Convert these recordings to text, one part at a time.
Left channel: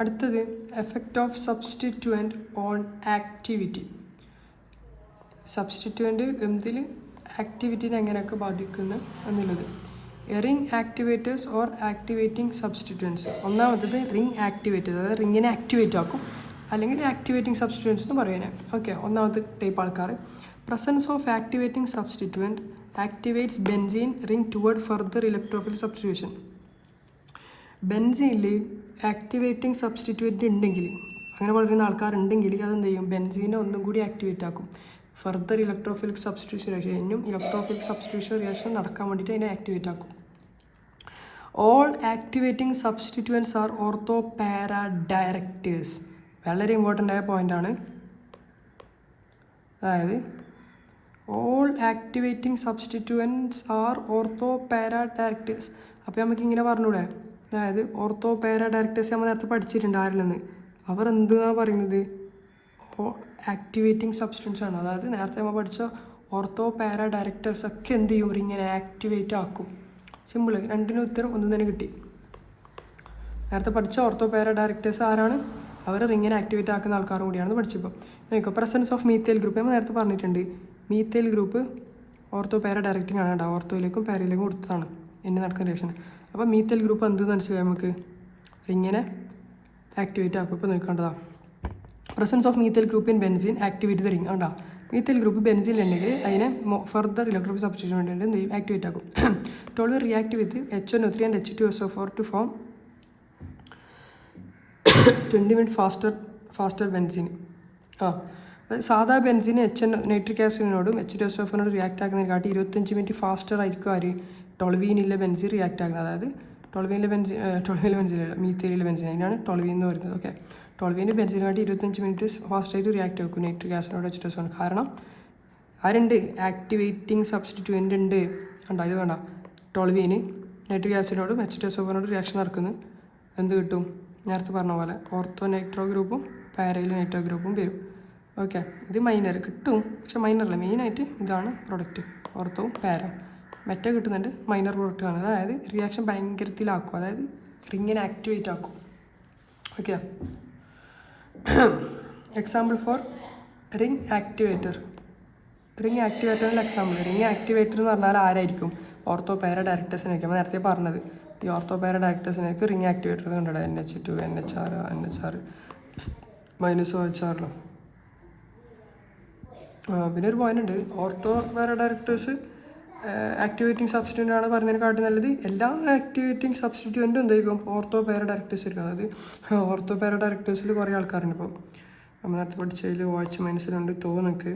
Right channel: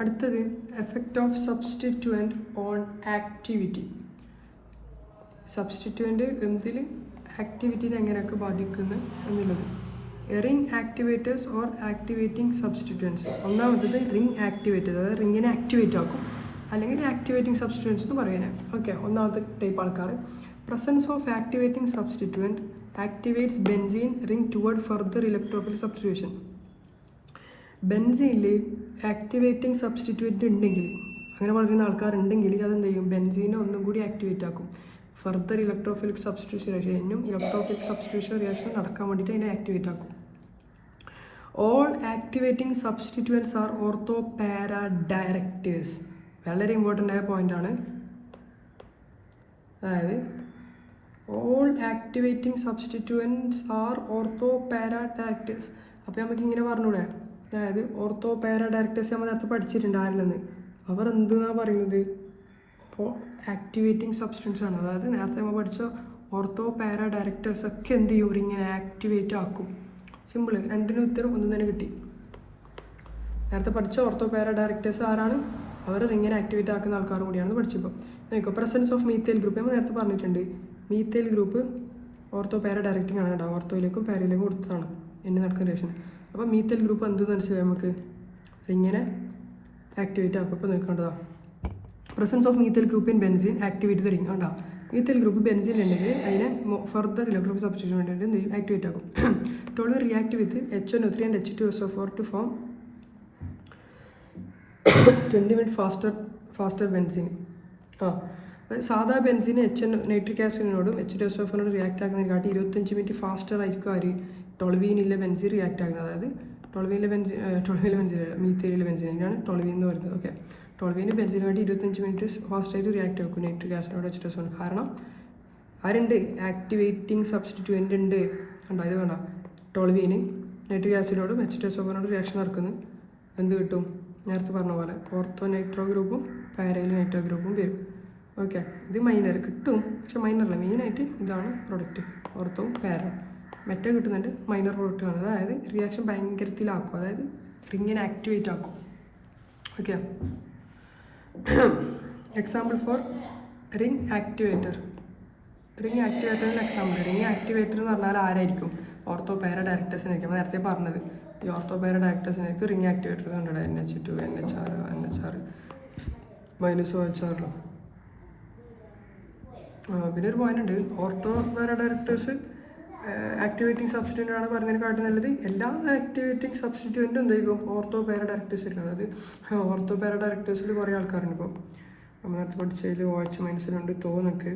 അടുത്തത് effect of സബ്സ്റ്റിറ്റ്യൂവൻറ്റ് on activity. സബ്സ്റ്റിറ്റ്യൂവൻറ്റ് എന്തിൽ ആക്ടിവിറ്റീനെ എങ്ങനെയൊക്കെ ബാധിക്കുന്നു എന്നുള്ളത്. Ring activators or activating substituents. ഒന്നാമത്തത് റിംഗ് ആക്ടിവേറ്റർ, അതായത് റിങ്ങിനെ ആക്ടിവേറ്റ് ആക്കും, അല്ലെങ്കിൽ ആക്ടിവേറ്റിംഗ് സബ്സ്റ്റിറ്റ്യൂവൻസ് എന്ന് പറയുന്നത്. ഓക്കെ, ഒന്നാമത്തെ ടൈപ്പ് ആൾക്കാർ. Presence of activating substituent activates benzene ring toward further electrophile substitution. ബെൻസീനിൽ ആക്ടിവേറ്റിംഗ് സബ്സ്റ്റിറ്റ്യൂവൻറ്റ് ഉണ്ടെങ്കിൽ, അങ്ങനെ പറയുന്ന ആൾക്കാരുണ്ടെങ്കിൽ അതെന്ത് ചെയ്യും, ബെൻസീനെ ഒന്നും കൂടി ആക്ടിവേറ്റ് ആക്കും. ഫർദർ ഇലക്ട്രോഫിലിക് സബ്സ്റ്റിറ്റ്യൂഷൻ റിയാക്ഷൻ, ഇനിയും ഇലക്ട്രോഫിലിക് സബ്സ്റ്റിറ്റ്യൂഷൻ റിയാക്ഷൻ നടക്കാൻ വേണ്ടിയിട്ട് അതിനെ ആക്ടിവേറ്റ് ആക്കും. All activating substituents are ortho para directors. വളരെ ഇമ്പോർട്ടൻ്റ് ആയ പോയിൻ്റാണ്. അതായത് all activating substituents are ortho para directors. അപ്പോൾ നമുക്കിങ്ങനെ പറഞ്ഞൂടെ, അതായത് ഓർത്തോ പാരാ ഡയറക്റ്റേഴ്സ് നമ്മൾ നേരത്തെ പഠിച്ചിട്ടുണ്ട് ആരില്ലെന്ന്. അവർ എന്താണ് പറയുന്നത്, ആക്ടിവേറ്റിംഗ് സബ്സ്റ്റൻസ് ആണ്. അതായത് നേരത്തെ നമ്മൾ പഠിച്ച ഓർത്തോ പാരാ ഡയറക്റ്റേഴ്സ് ഒക്കെ എന്ത് ചെയ്യും, ഇങ്ങനെ ആക്ടിവേറ്റ് ആക്കും. സിമ്പിൾ, രണ്ടിനും ഉത്തരം ഒന്നും തന്നെ കിട്ടി. നേരത്തെ പഠിച്ച ഓർത്തോ പാരാ ഡയറക്റ്റേഴ്സ് ആരാണ്, അവർ റിങ്ങിനെ ആക്ടിവേറ്റ് ആക്കുന്ന ആൾക്കാർ കൂടിയാണെന്ന് പഠിച്ചപ്പോൾ. നോക്കുക, പ്രസൻസ് ഓഫ് മീത്തേൽ ഗ്രൂപ്പ് നമ്മൾ നേരത്തെ പറഞ്ഞിട്ടുണ്ട്. മീത്തേൽ ഗ്രൂപ്പ് ഓർത്തോ പാരാ ഡയറക്റ്റിംഗ് ആണ് കേട്ടോ, ഓർത്തോയിലേക്കും പാരയിലേക്കും കൊടുത്തതാണ് എന്നെ നടക്കുന്ന റിയാക്ഷൻ. അപ്പോൾ മീത്തേൽ ഗ്രൂപ്പ് എന്തെന്ന് മനസ്സിലായി നമുക്ക്, റിങ്ങിനെ ആക്ടിവേറ്റ് ആക്കും. ഇപ്പോൾ നോക്കേണ്ടതാണ് presence of methyl group in benzene activate the ring. കണ്ടാ, മീത്തേൽ ഗ്രൂപ്പ് ബെൻസീൻ ഉണ്ടെങ്കിൽ അതിനെ ഫർദർ ഇലക്ട്രോഫിൽ സബ്സ്റ്റിറ്റ്യൂഷൻ വേണ്ടിയിട്ട് എന്ത് ചെയ്യും, ആക്ടിവേറ്റ് ആക്കും. Toluene react with HNO3 and H2SO4 to form 20 minutes faster ബെൻസീൻ. സാധാ ബെൻസീൻ നൈട്രിക് ആസിഡിനോടും H2SO4 റിയാക്ട് ആക്കുന്നതിനെക്കാട്ടി 25 മിനിറ്റ് ഫാസ്റ്റർ ആയിരിക്കും ആര്, ടോൾവീനിലെ ബെൻസീൻ റിയാക്ട് ആക്കുന്നത്. അതായത് ടോൾവീനിലെ ബെൻസീൻ മീത്തേലിലെ ബെൻസീൻ, അതിനാണ് ടോൾവീൻ എന്ന് പറയുന്നത്. ഓക്കെ, ടോൾവീന് ബെൻസിന് വേണ്ടി 25 മിനിറ്റ് ഫാസ്റ്റായിട്ട് റിയാക്ട് ആക്കും നൈട്രിക് ആസിഡിനോട് H2SO4. കാരണം ആരുണ്ട്, ആക്ടിവേറ്റിംഗ് സബ്സ്റ്റിറ്റ്യൂവൻ്റ് ഉണ്ട്. കണ്ടോ, ഇത് കണ്ടോ, ടോൾവീന് നൈട്രിക് ആസിഡിനോടും H2SO4 റിയാക്ഷൻ നടക്കുന്നത് എന്ത് കിട്ടും, നേരത്തെ പറഞ്ഞ പോലെ ഓർത്തോ നൈട്രോ ഗ്രൂപ്പും പാരയിൽ നൈട്രോ ഗ്രൂപ്പും വരും. ഓക്കെ, ഇത് മൈനർ കിട്ടും, പക്ഷെ മൈനറല്ല, മെയിനായിട്ട് ഇതാണ് പ്രൊഡക്റ്റ്, ഓർത്തോവും പാര. മറ്റേ കിട്ടുന്നുണ്ട് മൈനർ പ്രൊഡക്റ്റാണ്. അതായത് റിയാക്ഷൻ ഭയങ്കരത്തിലാക്കും, അതായത് റിങ്ങിനെ ആക്ടിവേറ്റ് ആക്കും. Okay, example for ring activator. Ring ആക്ടിവേറ്ററിൻ്റെ എക്സാമ്പിൾ. റിംഗ് ആക്ടിവേറ്റർ എന്ന് പറഞ്ഞാൽ ആരായിരിക്കും, ഓർത്തോ പാര ഡയറക്റ്റേഴ്സിനായിരിക്കും. നമ്മൾ നേരത്തെ പറഞ്ഞത് ഈ ഓർത്തോ പാര ഡയറക്റ്റേഴ്സിനായിരിക്കും റിംഗ് ആക്ടിവേറ്റർ കണ്ടത്. NH2 NHR -OH. പിന്നെ ഒരു പോയിന്റ് ഉണ്ട്, ഓർത്തോ പാര ഡയറക്റ്റേഴ്സ് ആക്ടിവേറ്റിംഗ് സബ്സ്റ്റിറ്റ്യൂൻ്റ് ആണ് പറഞ്ഞതിനെക്കാട്ടി നല്ലത് എല്ലാ ആക്ടിവേറ്റിംഗ് സബ്സ്റ്റിറ്റ്യൂവൻറ്റും എന്തായിരിക്കും, ഓർത്തോ പാര ഡയറക്റ്റേഴ്സ് ആയിരിക്കും. അതായത് ഓർത്തോ പാര ഡയറക്റ്റേഴ്സിൽ കുറേ ആൾക്കാരുണ്ട്. ഇപ്പോൾ നമ്മൾ നേരത്തെ പഠിച്ചതിൽ OH- ഉണ്ട്, തോന്നൊക്കെ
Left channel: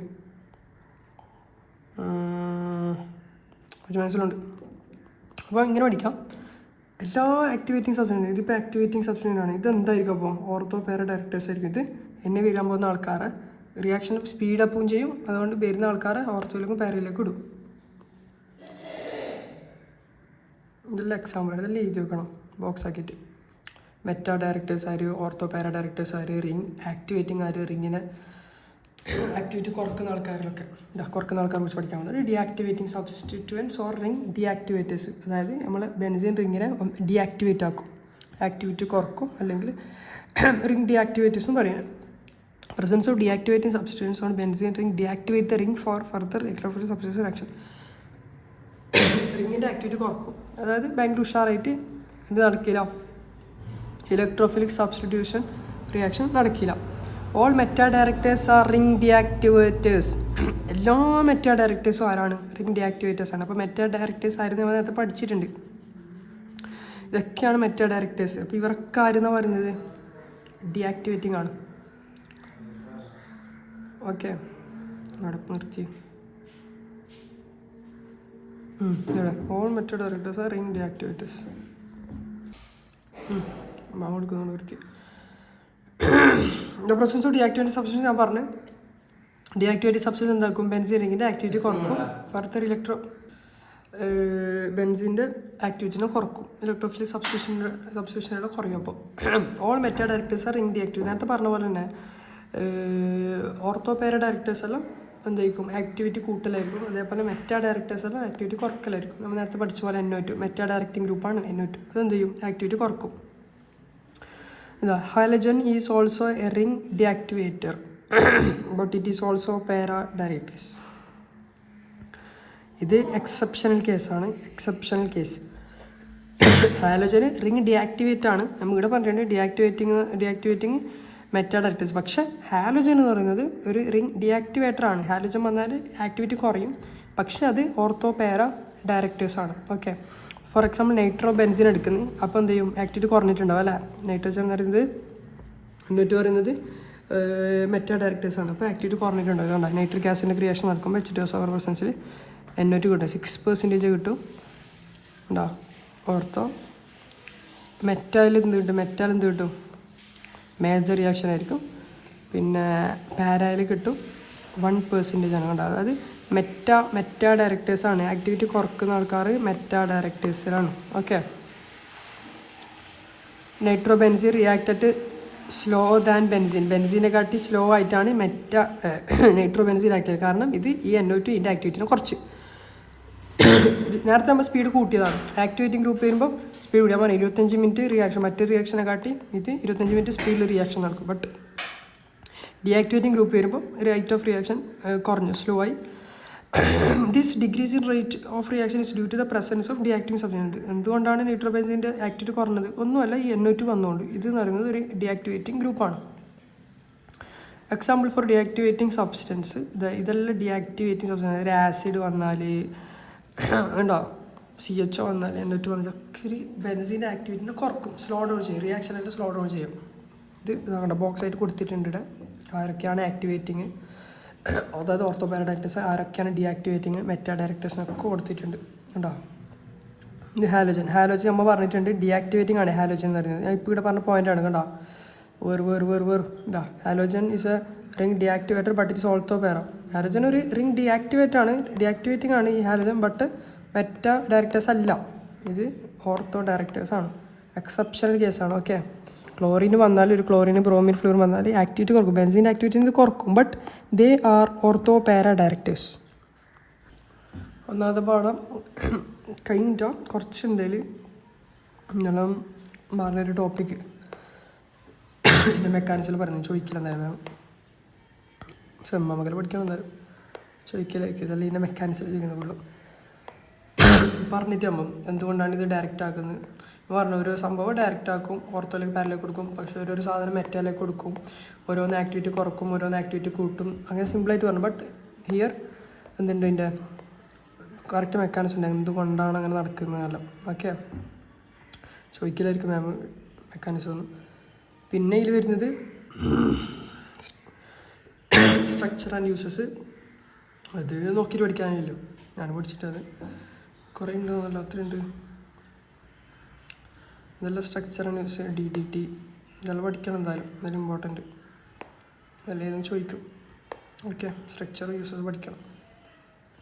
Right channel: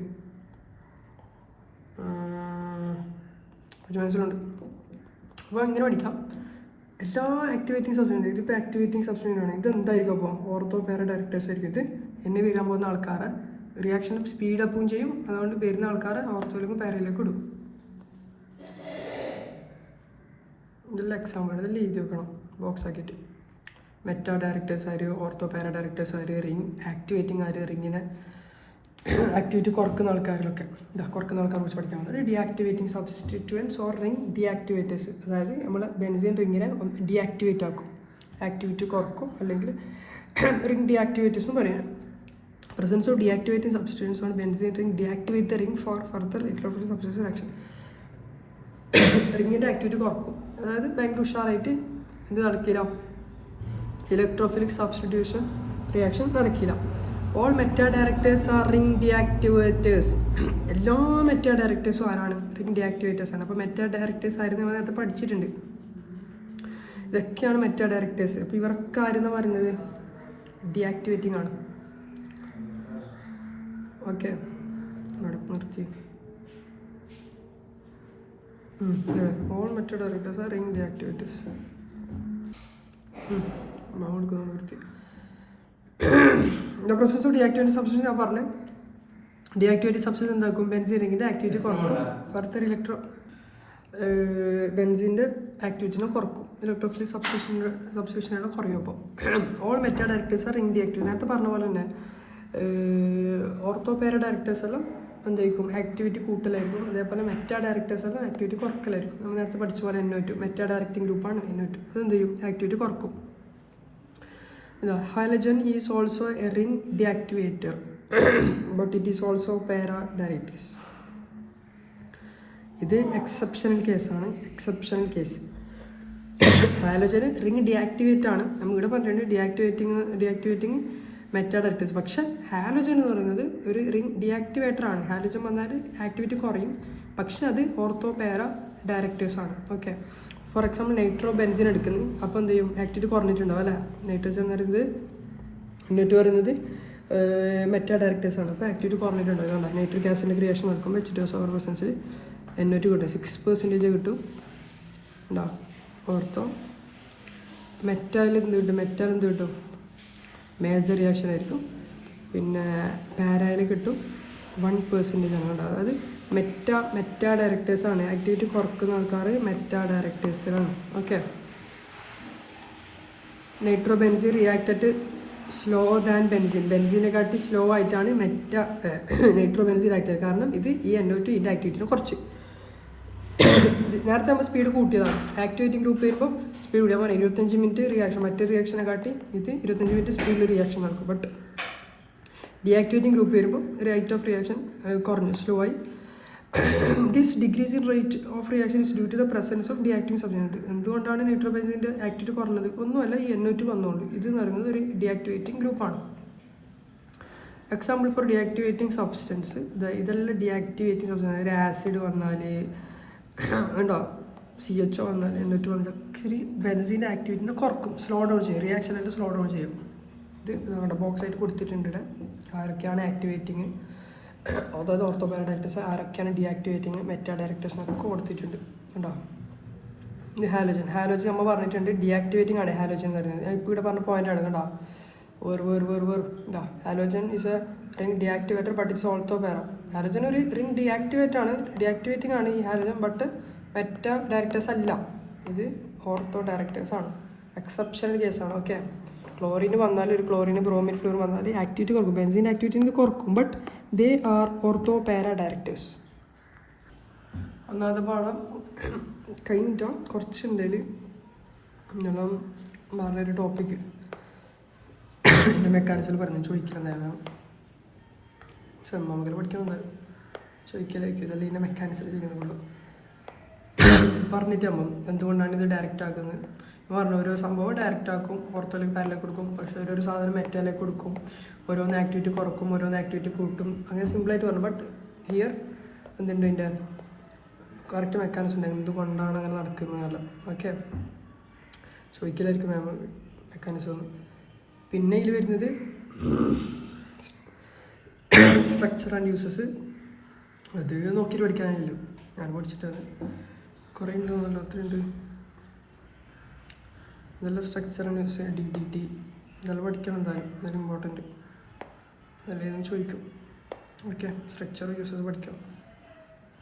OH- അപ്പോൾ ഇങ്ങനെ പഠിക്കാം. എല്ലാ ആക്ടിവേറ്റിംഗ് സബ്സ്റ്റിറ്റ്യൂൻ്റ്, ഇതിപ്പോൾ ആക്ടിവേറ്റിംഗ് സബ്സ്റ്റിറ്റ്യൂൻ്റ് ആണ്, ഇതെന്തായിരിക്കും അപ്പം ഓർത്തോ പാര ഡയറക്റ്റേഴ്സ് ആയിരിക്കും. ഇത് എന്നെ വീഴാൻ പോകുന്ന ആൾക്കാരെ റിയാക്ഷൻ സ്പീഡപ്പും ചെയ്യും, അതുകൊണ്ട് വരുന്ന ആൾക്കാരെ ഓർത്തോയിലേക്കും പാരയിലേക്കും ഇടും. ഇതെല്ലാം എക്സാമ്പിൾ, ഇതെല്ലാം എഴുതി വെക്കണം ബോക്സ് ആക്കിയിട്ട്. മെറ്റാ ഡയറക്റ്റേഴ്സ് ആര്, ഓർത്തോ പാര ഡയറക്റ്റേഴ്സ് ആര്, റിംഗ് ആക്ടിവേറ്റിംഗ് ആര്, റിങ്ങിനെ ആക്ടിവിറ്റി കുറക്കുന്ന ആൾക്കാരിലൊക്കെ കുറക്കുന്ന ആൾക്കാരെ കുറിച്ച് പഠിക്കാൻ പോകുന്നത്. Deactivating substituents or ring deactivators. അതായത് നമ്മൾ ബെൻസീൻ റിങ്ങിനെ ഡീആക്ടിവേറ്റ് ആക്കും, ആക്ടിവിറ്റി കുറക്കും, അല്ലെങ്കിൽ റിംഗ് ഡീആക്ടിവേറ്റേഴ്സും പറയാം. Presence of deactivating substituents on benzene ring deactivate the ring for further electrophilic substitution action. റിങ്ങിൻ്റെ ആക്ടിവിറ്റി കുറക്കും, അതായത് ഭയങ്കര ഉഷാറായിട്ട് ഇത് നടക്കില്ല, ഇലക്ട്രോഫിലിക് സബ്സ്റ്റിറ്റ്യൂഷൻ റിയാക്ഷൻ നടക്കില്ല. All meta directors are ring deactivators. എല്ലാ മെറ്റാ ഡയറക്റ്റേഴ്സും ആരാണ്, റിംഗ് ഡീആക്ടിവേറ്റേഴ്സ് ആണ്. അപ്പോൾ മെറ്റാ ഡയറക്റ്റേഴ്സ് ആയിരുന്നു നമ്മൾ നേരത്തെ പഠിച്ചിട്ടുണ്ട്. ഇതൊക്കെയാണ് മെറ്റാ ഡയറക്റ്റേഴ്സ്. അപ്പോൾ ഇവരൊക്കെ ആരെന്ന് പറയുന്നത് ഡീആക്ടിവേറ്റിംഗ് ആണ്. ഓക്കെ, അവിടെ നിർത്തി. All meta directors are ring deactivators. കൊടുക്കുന്നു നിർത്തി. The presence of deactivating substance ഞാൻ പറഞ്ഞു. ഡീആക്ടിവേറ്റിംഗ് സബ്സ്റ്റൻസ് എന്താക്കും, ബെൻസീൻ റിങ്ങിൻ്റെ ആക്ടിവിറ്റി കുറക്കും, ഫർദർ ബെൻസീൻ്റെ ആക്ടിവിറ്റിനെ കുറക്കും, ഇലക്ട്രോഫിലിക് സബ്സ്റ്റിറ്റ്യൂഷനുടെ കുറയും. അപ്പോൾ all meta directors are ring deactivate. നേരത്തെ പറഞ്ഞ പോലെ തന്നെ ഓർത്തോ പാര ഡയറക്റ്റേഴ്സ് എല്ലാം എന്തായിരിക്കും, ആക്ടിവിറ്റി കൂട്ടലായിരിക്കും. അതേപോലെ മെറ്റാ ഡയറക്റ്റേഴ്സ് എല്ലാം ആക്ടിവിറ്റി കുറക്കലായിരിക്കും. നമ്മൾ നേരത്തെ പഠിച്ച പോലെ NO2 മെറ്റാ ഡയറക്റ്റിംഗ് ഗ്രൂപ്പാണ് NO2. അതെന്ത് ചെയ്യും, ആക്ടിവിറ്റി കുറക്കും. ഇതാ halogen is also a ring deactivator but it is also para directors. ഇത് എക്സെപ്ഷണൽ കേസാണ്. എക്സെപ്ഷണൽ കേസ് ഹാലോജന് റിംഗ് ഡിയാക്ടിവേറ്റ് ആണ്. നമ്മളിവിടെ പറഞ്ഞിട്ടുണ്ട് ഡിയാക്ടിവേറ്റിംഗ് മെറ്റാ ഡയറക്ടേഴ്സ്. പക്ഷേ ഹാലോജൻ എന്ന് പറയുന്നത് ഒരു റിംഗ് ഡിയാക്ടിവേറ്റർ ആണ്. ഹാലോജൻ വന്നാൽ ആക്ടിവിറ്റി കുറയും, പക്ഷേ അത് ഓർത്തോ പാര ഡയറക്ടേഴ്സ് ആണ്. Okay, for example nitro benzene എടുക്കുന്നു, അപ്പോൾ എന്ത് ചെയ്യും, ആക്ടിവിറ്റി കുറഞ്ഞിട്ടുണ്ടാവും അല്ലേ. നൈട്രോജൻ എന്ന് പറയുന്നത് എന്നിട്ട് പറയുന്നത് മെറ്റാ ഡയറക്ടേഴ്സ് ആണ്. അപ്പോൾ ആക്ടിവിറ്റി കുറഞ്ഞിട്ടുണ്ടാവും. അതുകൊണ്ടാണ് നൈട്രിക് ആസിഡിൻ്റെ ക്രിയേഷൻ നടക്കുമ്പോൾ H2SO4 പ്രസൻസിൽ NO2 കിട്ടും, 6% കിട്ടും ഉണ്ടാവും. ഓർത്തോ മെറ്റാൽ എന്ത് കിട്ടും, മെറ്റാൽ എന്ത് കിട്ടും, മേജർ റിയാക്ഷൻ ആയിരിക്കും. പിന്നെ പാരായിൽ കിട്ടും 1% ആണ് ഉണ്ടാകുക. അതായത് മെറ്റാ ഡയറക്ടേഴ്സാണ്. ആക്ടിവിറ്റി കുറക്കുന്ന ആൾക്കാർ മെറ്റാ ഡയറക്ടേഴ്സിലാണ്. Okay, nitro benzene reacted slow than ബെൻസിനെ കാട്ടി സ്ലോ ആയിട്ടാണ് നൈട്രോ ബെൻസിൻ റിയാക്ട് ചെയ്യുക. കാരണം ഇത് ഈ NO2 ഇതിൻ്റെ ആക്ടിവിറ്റിനെ കുറച്ച് നേരത്തെ നമ്മൾ സ്പീഡ് കൂട്ടിയതാണ്. ആക്ടിവേറ്റിംഗ് ഗ്രൂപ്പ് വരുമ്പോൾ സ്പീഡ് കൂടിയാൽ മതി. 25 മിനിറ്റ് റിയാക്ഷൻ, മറ്റേ റിയാക്ഷനെ കാട്ടി ഇത് 25 മിനിറ്റ് സ്പീഡിൽ റിയാക്ഷൻ നടക്കും. ബട്ട് ഡീആക്ടിവേറ്റിംഗ് ഗ്രൂപ്പ് വരുമ്പോൾ റേറ്റ് ഓഫ് റിയാക്ഷൻ കുറഞ്ഞു, സ്ലോ ആയി. This decrease in rate of reaction is due to the presence of deactivating substance. എന്തുകൊണ്ടാണ് നൈട്രോബെൻസിൻ്റെ ആക്ടിവിറ്റി കുറഞ്ഞത്? ഒന്നുമല്ല, ഈ NO2 വന്നുകൊണ്ട്. ഇത് എന്ന് പറയുന്നത് ഒരു ഡീആക്ടിവേറ്റിംഗ് ഗ്രൂപ്പാണ്. എക്സാമ്പിൾ ഫോർ ഡീആക്ടിവേറ്റിംഗ് സബ്സ്റ്റൻസ് ഇതെല്ലാം ഡീആക്ടിവേറ്റിംഗ് സബ്സ്റ്റൻസ്. ഒരു ആസിഡ് വന്നാൽ ഉണ്ടോ, CHO വന്നാൽ NO2 വന്നാൽ ഒക്കെ ഒരു ബെൻസിൻ്റെ ആക്ടിവിറ്റിനെ കുറക്കും, സ്ലോ ഡൗൺ ചെയ്യും, റിയാക്ഷനായിട്ട് സ്ലോ ഡൗൺ ചെയ്യും. ഇത് നമ്മുടെ ബോക്സ് ആയിട്ട് കൊടുത്തിട്ടുണ്ട് ഇവിടെ. ആരൊക്കെയാണ് ആക്ടിവേറ്റിങ്, അതായത് ഓർത്തോ പാര ഡയറക്ടേഴ്സ്, ആരൊക്കെയാണ് ഡീആക്ടിവേറ്റിങ് മെറ്റാ ഡയറക്ടേഴ്സിനൊക്കെ കൊടുത്തിട്ടുണ്ട് ഉണ്ടോ. ഇത് ഹാലോജൻ നമ്മൾ പറഞ്ഞിട്ടുണ്ട് ഡീആക്ടിവേറ്റിംഗ് ആണ് ഹാലോജൻ എന്ന് പറയുന്നത്. ഞാൻ ഇപ്പോൾ ഇവിടെ പറഞ്ഞ പോയിൻ്റാണ് കേട്ടോ. ഇതാ halogen is a ring deactivator but it's also para. Halogen ഒരു റിംഗ് ഡീആക്ടിവേറ്റിംഗ് ആണ് ഈ ഹാലോജൻ, ബട്ട് മെറ്റാ ഡയറക്ടേഴ്സ് അല്ല. ഇത് ഓർത്തോ ഡയറക്ടേഴ്സ് ആണ്. എക്സെപ്ഷണൽ കേസാണ്. ഓക്കെ, ക്ലോറിൻ വന്നാൽ, ഒരു ക്ലോറിന് ബ്രോമിൻ ഫ്ലൂർ വന്നാൽ ആക്ടിവിറ്റി കുറക്കും, ബെൻസിൻ്റെ ആക്ടിവിറ്റി കുറക്കും, but they are ortho para directors. ഒന്നാമത്തെ പാഠം കഴിഞ്ഞിട്ടോ, കുറച്ചുണ്ടെങ്കിൽ എന്നാലും വേറൊരു ടോപ്പിക്ക് മെക്കാനിക്സിൽ പറഞ്ഞു ചോദിക്കില്ല. എന്തായാലും സെമ്മ പഠിക്കണം, ചോദിക്കലായിരിക്കും, അല്ലെങ്കിൽ ഇതിൻ്റെ മെക്കാനിക്സിൽ ചെയ്യുന്നുള്ളൂ. പറഞ്ഞിട്ട് അമ്മ എന്തുകൊണ്ടാണ് ഇത് ഡയറക്റ്റ് ആക്കുന്നത് പറഞ്ഞു. ഓരോ സംഭവം ഡയറക്റ്റ് ആക്കും, ഓർത്തോലേക്ക് പാരലേക്ക് കൊടുക്കും, പക്ഷേ ഒരു സാധനം മെറ്റാലേക്ക് കൊടുക്കും, ഓരോന്ന് ആക്ടിവിറ്റി കുറക്കും, ഓരോന്ന് ആക്ടിവിറ്റി കൂട്ടും, അങ്ങനെ സിമ്പിളായിട്ട് പറഞ്ഞു. ബട്ട് ഹിയർ എന്തുണ്ട്, ഇതിൻ്റെ കറക്റ്റ് മെക്കാനിസം ഉണ്ട്, എന്തുകൊണ്ടാണ് അങ്ങനെ നടക്കുന്നതല്ല. ഓക്കെ, ചോദിക്കലായിരിക്കും മാം മെക്കാനിസം ഒന്നും. പിന്നെ ഇതിൽ വരുന്നത് സ്ട്രക്ചർ ആൻഡ് യൂസസ്. അത് നോക്കിയിട്ട് പഠിക്കാനായില്ലോ, ഞാൻ പഠിച്ചിട്ടത് കുറേ ഉണ്ട്, അത്രയുണ്ട്. ഇതെല്ലാം സ്ട്രക്ചർ ആൻഡ് യൂസ്, DDT ഇതെല്ലാം പഠിക്കണം എന്തായാലും ഇമ്പോർട്ടൻറ്റ്. എല്ലാം ചോദിക്കും. ഓക്കെ, സ്ട്രക്ചർ യൂസസ് പഠിക്കണം.